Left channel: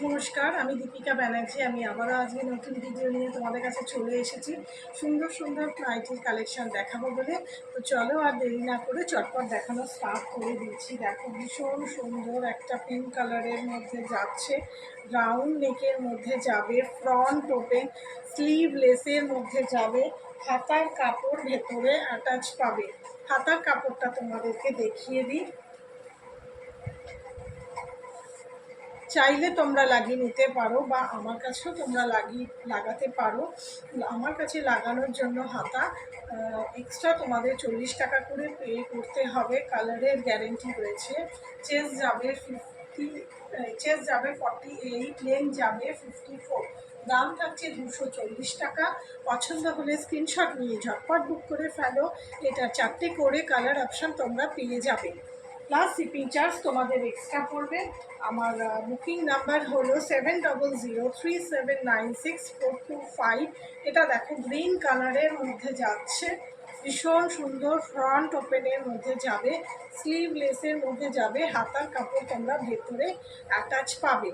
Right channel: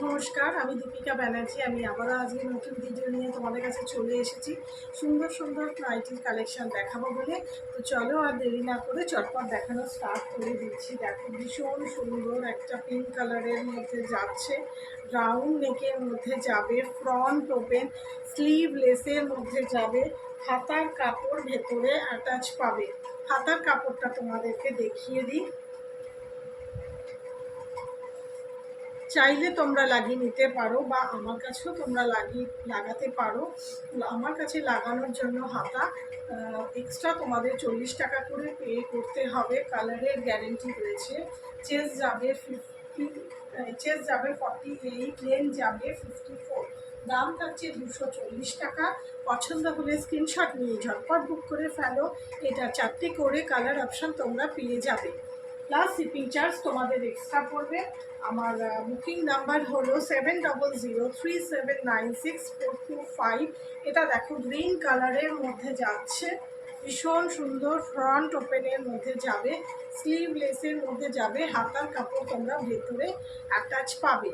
নমস্কার, আমি দীপিকা ব্যানার্জি। আমি আবারও আজকে নতুন ভিডিও নিয়ে তোমাদের কাছে চলে এসেছি। সুন্দর সুন্দর নাইটির কালেকশন দেখাবো বলে। তো চলো আর দেরি না করে চটপট দেখানো স্টার্ট করে দিচ্ছি। দেখো, ভীষণ সুন্দর একটা পিঙ্ক কালারের মধ্যে যাচ্ছে, রাউন্ড নেকের মধ্যে যাবে, ফ্রন্ট ওপেন, স্লিভ লেসের মধ্যে যাবে, হাতার কাপড় ভেতরে অ্যাটাচ পাবে। হাতার কাপড়টা তোমাদেরকে দেখিয়ে দিই। চাইলে তোমরা লাগিয়ে নিতে পারো বা আমার কাছেও তোমরা লাগাতে পারো। আমার কাছে লাগানোর জন্য হাতা এক্সট্রা তোমাদের 40 টাকা করে পে করতে হবে। কালারের গ্যারেন্টি রয়েছে। চেস্ট যাবে 48, লেন যাবে 54। দাম থাকছে 240 টাকা। পছন্দ হলে স্ক্রিনশট নিয়ে ঝটপট বুক করে ফেলো। এটা 4টে করে কালার অপশান তোমরা পেয়ে যাবে, প্লাস শিপিং চার্জ তোমাদের এক্সট্রা পড়বে। আমার বুকিং নাম্বার হলো 7003796425। এটা দেখো, গ্রিন কালারের মধ্যে যাচ্ছে, ভীষণ সুন্দর। ফ্রন্ট ওপেনের মধ্যে যাবে, স্লিভ লেসের মধ্যে যাবে, হাতার কাপড় তোমরা ভেতরে অ্যাটাচ পাবে।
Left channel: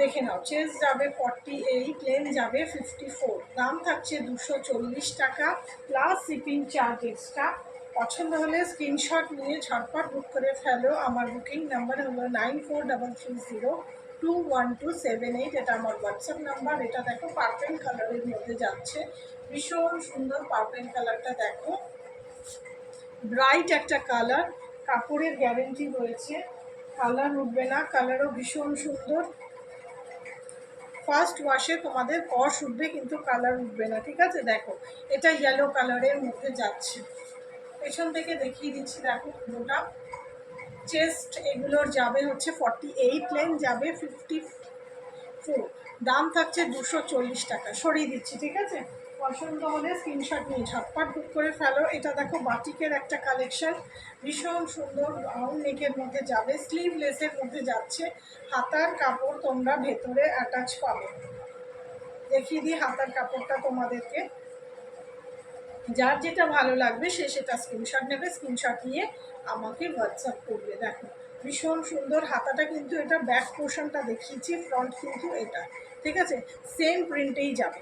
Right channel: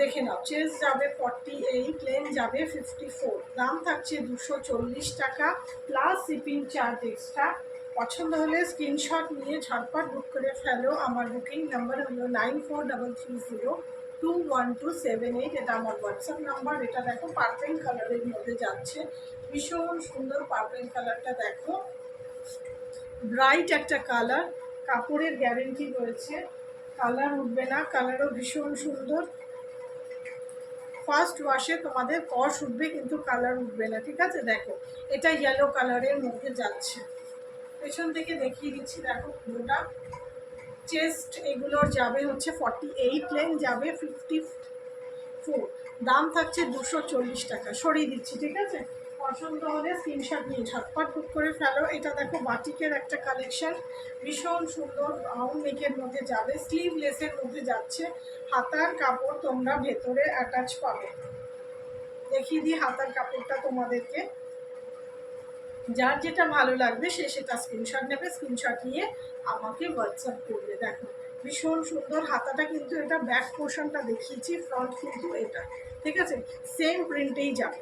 দেখে নাও, চেস্ট যাবে 48, লেন যাবে 54। দাম থাকছে 240 টাকা, প্লাস শিপিং চার্জ এক্সট্রা। পছন্দ হলে স্ক্রিনশট নিয়ে ঝটপট বুক করে ফেলো। আমার বুকিং নাম্বার হলো 9433021278। এটা আমার হোয়াটসঅ্যাপ নাম্বার। এটা দেখো, পার্পেল কালারের মধ্যে যাচ্ছে, ভীষণ সুন্দর। পার্পেল কালারটা দেখো, ব্রাইট একটা কালার, কাপড়ের গ্যারেন্টি রয়েছে, কালার উঠবে না, কালারও ভীষণ সুন্দর। ফার্স্ট ওয়াশে তোমাদের কস উঠবে কিন্তু কালার উঠবে না, ঠিক আছে। দেখো, এটা ইয়েলো কালারের মধ্যে যাচ্ছে। পেছন থেকে দেখিয়ে দিচ্ছি, দেখো পুরোটা। চেস্ট এগুলোর যাবে হচ্ছে 48, লেন যাবে 54। দাম থাকছে 240 টাকা। সরিয়ে দিচ্ছি, ঠিক আছে। পছন্দ হলে স্ক্রিনশট নিয়ে ঝটপট বুক করে ফেলো। এটা দেখো, বাটিকের একটা কালেকশন, ভীষণ সুন্দর। রাউন্ড নেকের মধ্যে যাবে, স্লিভ লেসের মধ্যে যাচ্ছে, হাতার কাপড় তোমরা ভেতরে অ্যাটাচ পাবে। দেখিয়ে দিই হাতার কাপড়টা তোমাদেরকে। যার যেটা ভালো লাগবে সে সেটা স্ক্রিনশট নেবে, স্ক্রিনশট নিয়ে আমাকে হোয়াটসঅ্যাপ করবে। দেখো, ভীষণ সুন্দর হাতাটা, কিন্তু এটা ব্যাক পোর্শনটা দেখিয়েছি, ফ্রন্ট কিন্তু এটা, ঠিক আছে। সেম প্রিন্টেই যাবে,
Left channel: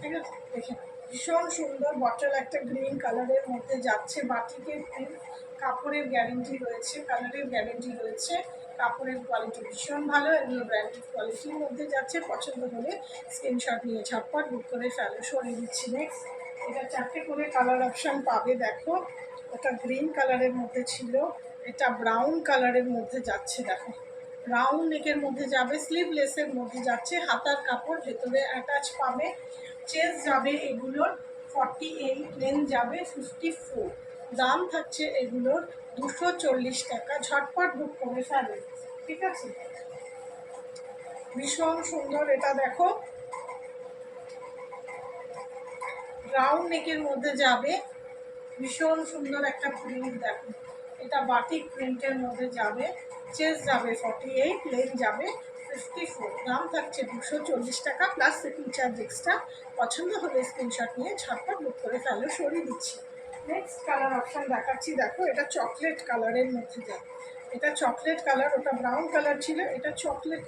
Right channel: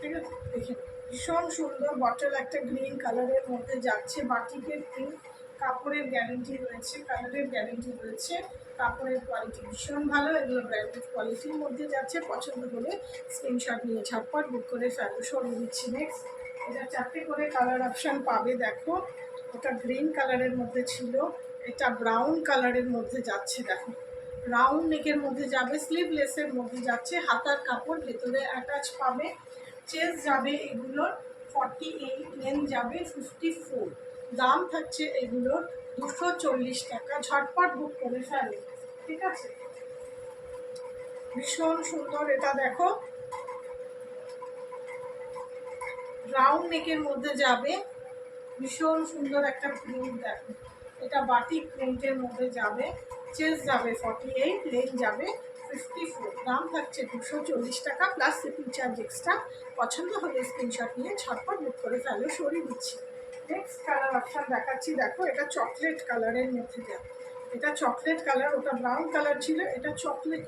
ঠিক আছে। দেখে ভীষণ সুন্দর বটল একটা গ্রিন কালারের মধ্যে যাচ্ছে, বাটিকের প্রিন্ট। কাপড়ের গ্যারেন্টি রয়েছে, কালারের গ্যারেন্টি রয়েছে, কাপড়ের কোয়ালিটি ভীষণ ভালো। এগুলো ব্র্যান্ডেড কোয়ালিটির মধ্যে যাচ্ছে। পছন্দ হলে স্ক্রিনশট নিয়ে ঝটপট বুক করে ফেলো। সরিয়ে দিচ্ছি। নেক্সট, এটা 4টে করে কালার অপশান পাবে। দেখো, ওটা গ্রিন কালারের মধ্যে ছিল, এটা ব্রাউন কালারের মধ্যে যাচ্ছে। দেখো, রাউন্ড নেকের মধ্যে যাবে, স্লিভলেসের মধ্যে যাচ্ছে, হাতার কাপড় ভেতরে অ্যাটাচ পাবে। চেস্ট যাবে এগুলোর 48, লেন যাবে 54। দাম থাকছে এগুলোর 240 টাকা। ঝটপট বুক করে ফেলে, ঠিক আছে। ভীষণ সুন্দর। এটা দেখো, রাউন্ড নেকের মধ্যে যাবে, ভীষণ সুন্দর একটা প্রিন্ট। দেখো, এটা বাটিক প্রিন্টের মধ্যে যাবে। চেস্ট যাবে 48, লেন যাবে 54। দাম থাকছে 240 টাকা, প্লাস শিপিং চার্জ এক্সট্রা। পছন্দ হলে স্ক্রিনশট নিয়ে ঝটপট বুক করে ফেলো। সরিয়ে দিচ্ছি। নেক্সট কালার অপশান দেখাচ্ছি। দেখো, এটা চকলেট কালারের মধ্যে যাবে। এটা চকলেট কালার, ওটা ব্রাউন কালার ছিল, এটা চকলেট।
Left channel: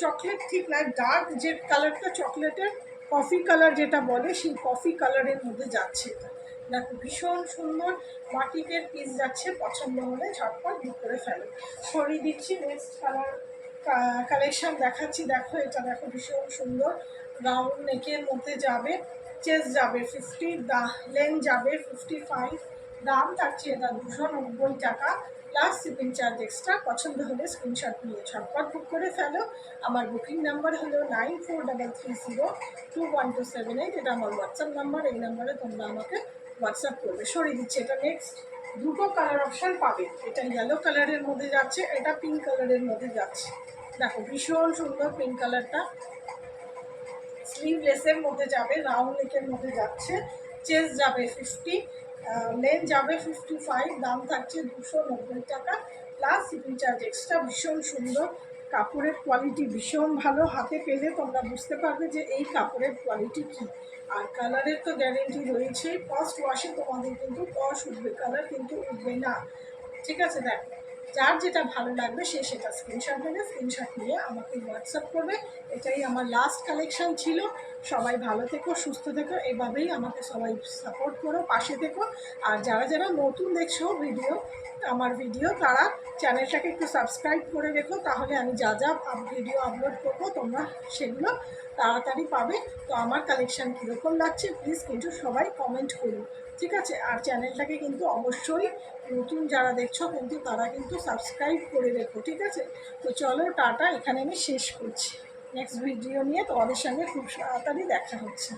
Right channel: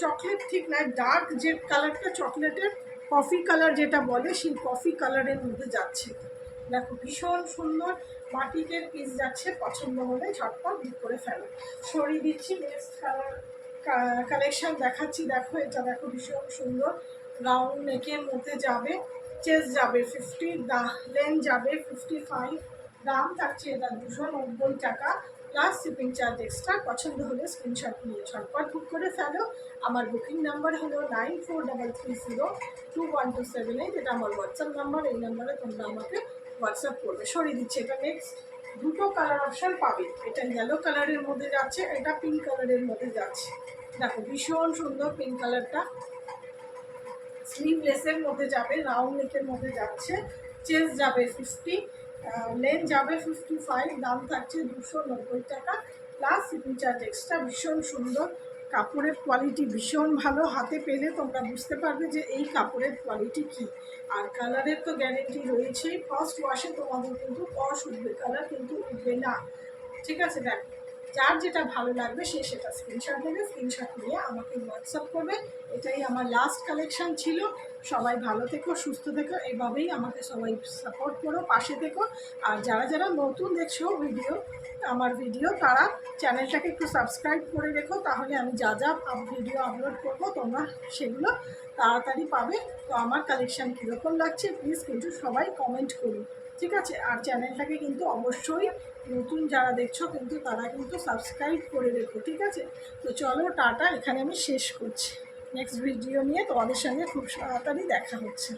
চকলেট ঠিক নয়, ডার্ক যে কালারটা চকলেটের, কফি কালার যেটা বলে, সেই কফি কালারের মধ্যে যাচ্ছে এটা। দেখো, ভীষণ সুন্দর বাটিকের পিস যাচ্ছে। পছন্দ হলে ঝটপট বুক করে ফেলো। সরিয়ে দিচ্ছি। নেক্সট কালেকশন দেখাচ্ছি। দেখো, এটা দেখো, ভীষণ সুন্দর। রাউন্ড নেকের মধ্যে যাবে, চেস্ট যাবে 50, লেন যাবে 55। দাম থাকছে এটা 290 টাকা, প্লাস শিপিং চার্জ এক্সট্রা। পছন্দ হলে স্ক্রিনশট নিয়ে ঝটপট বুক করে ফেলো। আমার বুকিং নাম্বার হলো 9433021278। এটা আমার হোয়াটসঅ্যাপ নাম্বার। এই নাম্বারে তোমরা আমাকে হোয়াটসঅ্যাপ করবে। সরিয়ে দিচ্ছে। এটা নেক্সট, দুটো কালার অপশান পাবে। এটা ইয়েলো কালারের মধ্যে যাচ্ছে, এটা পিঙ্ক কালারের মধ্যে যাচ্ছে। দেখো, ভীষণ সুন্দর পিঙ্ক কালারটা। স্লিভলেসের মধ্যে যাবে, রাউন্ড নেকের মধ্যে যাচ্ছে, চেস্ট যাবে 50, লেন যাবে 55। দাম থাকছে 290 টাকা, প্লাস শিপিং চার্জ এক্সট্রা। ভীষণ সুন্দর, কাপড়ের কোয়ালিটি ভীষণ ভালো। হাতে পেলে তোমরা বুঝতে পারবে যে এই কাপড়ের কোয়ালিটি কী। আর কালারের তো গ্যারেন্টি রয়েছেই। ফার্স্ট ওয়াশে তোমাদের কিন্তু কস উঠবে, কালার কিন্তু উঠবে না, ঠিক আছে। দেখো, যার যেটা ভালো লাগবে সে সেটা স্ক্রিনশট নেবে, স্ক্রিনশট নিয়ে আমাকে হোয়াটসঅ্যাপ করবে। এটাই আমার লাস্ট কালেকশন ছিল। সবাই ভালো থেকো, সুস্থ থেকো, এইভাবেই আমাকে সবাই সাপোর্ট করো, পাশে থেকো। আর যারা যারা নতুন দেখছো আমার ভিডিও তারা চ্যানেলটাকে একটু সাবস্ক্রাইব করে রেখো, তাহলে আমি যা যা ভিডিও আপলোড করবো তোমরা সেগুলো তাড়াতাড়ি পাবে। তো আমার কালেকশান কীরকম লাগছে প্লিজ কিন্তু সবাই কমেন্ট করুন, ঠিক আছে? আর চ্যানেলটাকে কিন্তু অবশ্যই নতুন যারা দেখছো কিন্তু তারা কিন্তু সাবস্ক্রাইব করে রেখো, ঠিক আছে? তো চলো টাটা, এখানে আমি শেষ করছি। নেক্সট ভিডিও নিয়ে তোমাদের সঙ্গে খুব তাড়াতাড়ি দেখা হচ্ছে।